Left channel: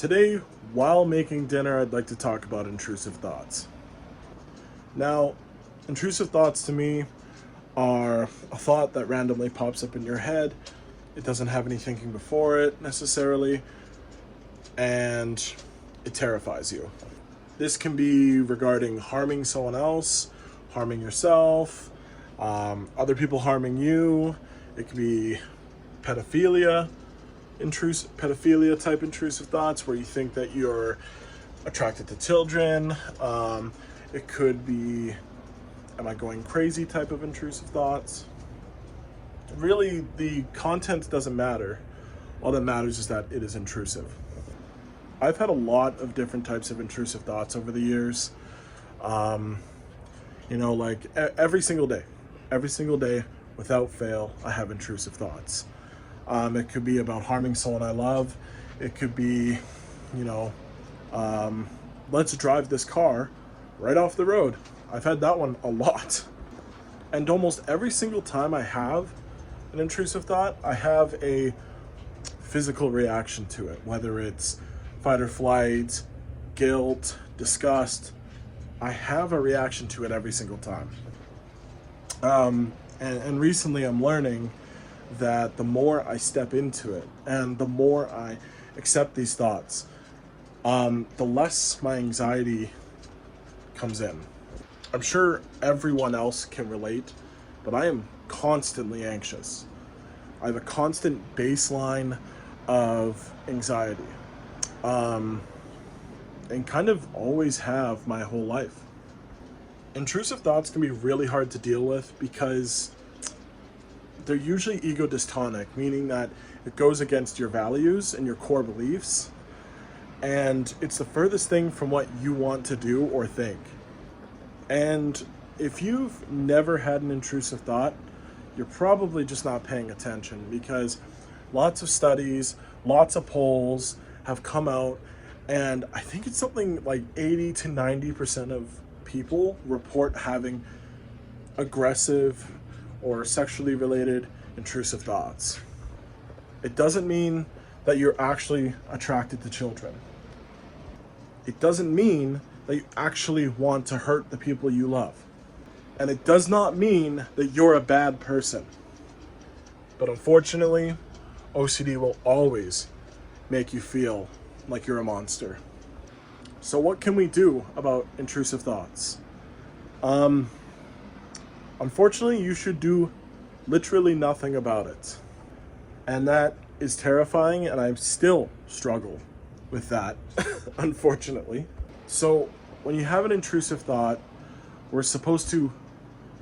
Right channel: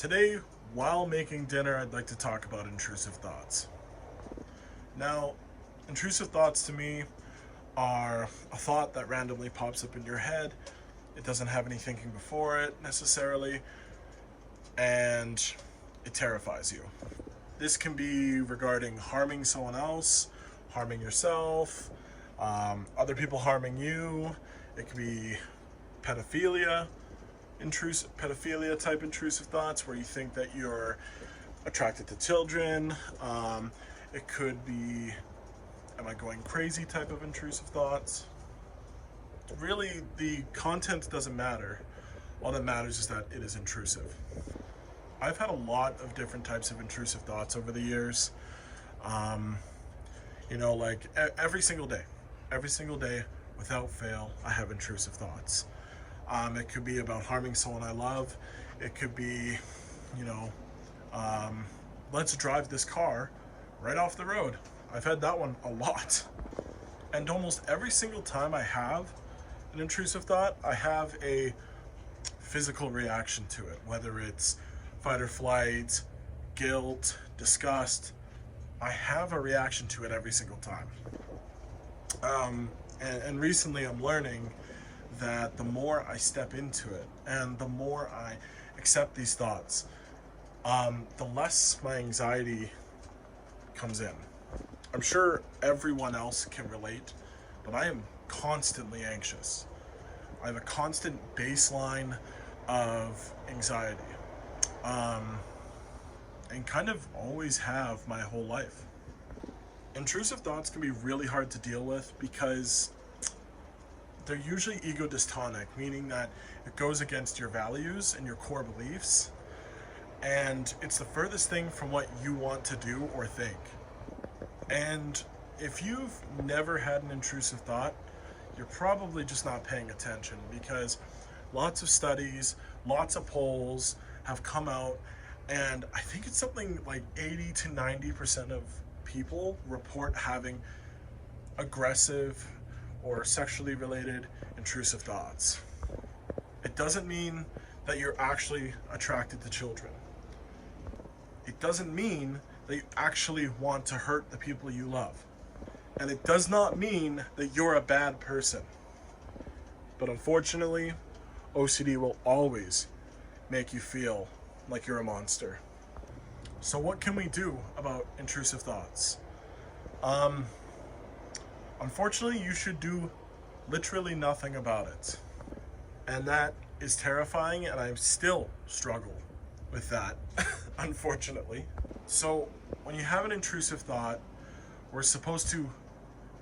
Today, while making dinner, I'd like to talk about intrusive thoughts. Now, intrusive thoughts to me are a thought that randomly pops up in your head. It doesn't have any thinking before it necessarily, and it terrifies you. This can be regarding harming someone else, harming yourself, other people harming you. It could be pedophilia type intrusive thoughts where you think that you're attracted to children. It could be, am I going crazy type of intrusive thoughts. Really, the content doesn't matter. All that matters is that it is intrusive. I've had a lot of different types of intrusive thoughts over the years. Like every single day without fail, I have intrusive thoughts. It could be about harming someone I love. It could be, let's drive this car right off the road. I've had that one a lot. And almost every single time I have an intrusive thought, I have a physical reaction to it, whether it's fight or flight, guilt, disgust. I have a reaction to it every single time. And recently I'm learning that the more I step into it and the more I accept these thoughts, the less my anxiety comes in. I'm sure everyone else can relate, but I am constantly anxious. I have a constant baseline of anxiety, and kind of always have my whole life. Intrusive thoughts can be really hard to deal with because they're usually ego dystonic, meaning that it goes against your values and your core beliefs, and it's the furthest thing from what you want to do or think. And if you've never had an intrusive thought, you're probably just not paying attention, because lots of studies, lots of polls have come out, and I think it's something like 80 to 90% of people report having aggressive or sexually related intrusive thoughts. It doesn't mean that you're actually attracted to children. It doesn't mean that you actually want to hurt the people you love. And it does not mean that you're a bad person. But unfortunately, OCD will always make you feel like you're a monster. So what can we do about intrusive thoughts? Unfortunately, you should do literally nothing about it. And that is terrifying, and I still struggle with that, unfortunately. So when you have an intrusive thought, we're supposed to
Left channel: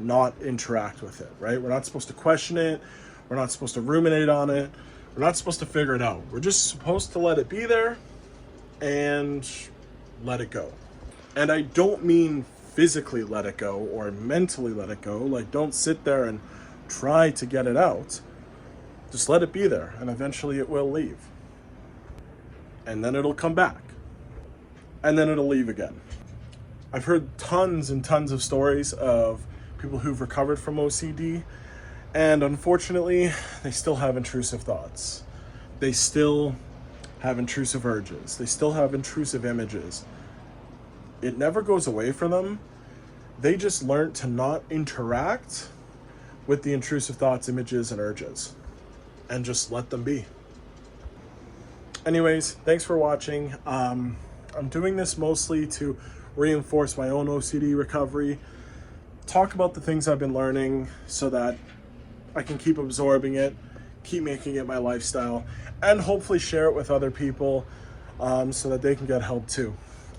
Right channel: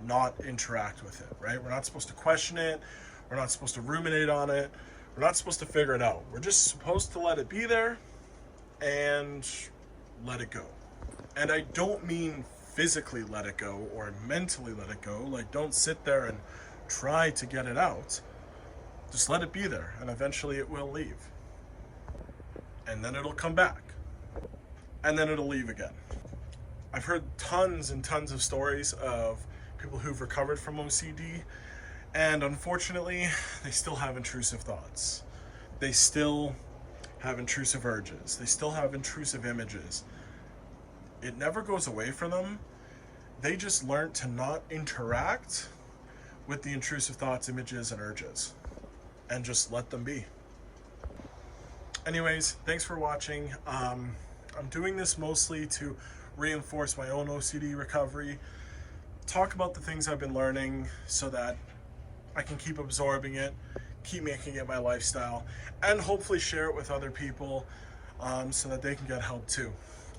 not interact with it, right? We're not supposed to question it. We're not supposed to ruminate on it. We're not supposed to figure it out. We're just supposed to let it be there and let it go. And I don't mean physically let it go or mentally let it go. Like, don't sit there and try to get it out. Just let it be there, and eventually it will leave. And then it'll come back. And then it'll leave again. I've heard tons and tons of stories of people who've recovered from OCD, and unfortunately, they still have intrusive thoughts. They still have intrusive urges. They still have intrusive images. It never goes away from them. They just learn to not interact with the intrusive thoughts, images, and urges, and just let them be. Anyways, thanks for watching. I'm doing this mostly to reinforce my own OCD recovery, talk about the things I've been learning so that I can keep absorbing it, keep making it my lifestyle, and hopefully share it with other people so that they can get help too.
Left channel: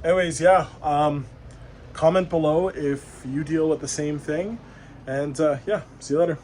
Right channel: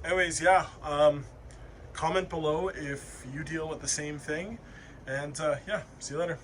Anyways, yeah, comment below if you deal with the same thing, and yeah, see you later.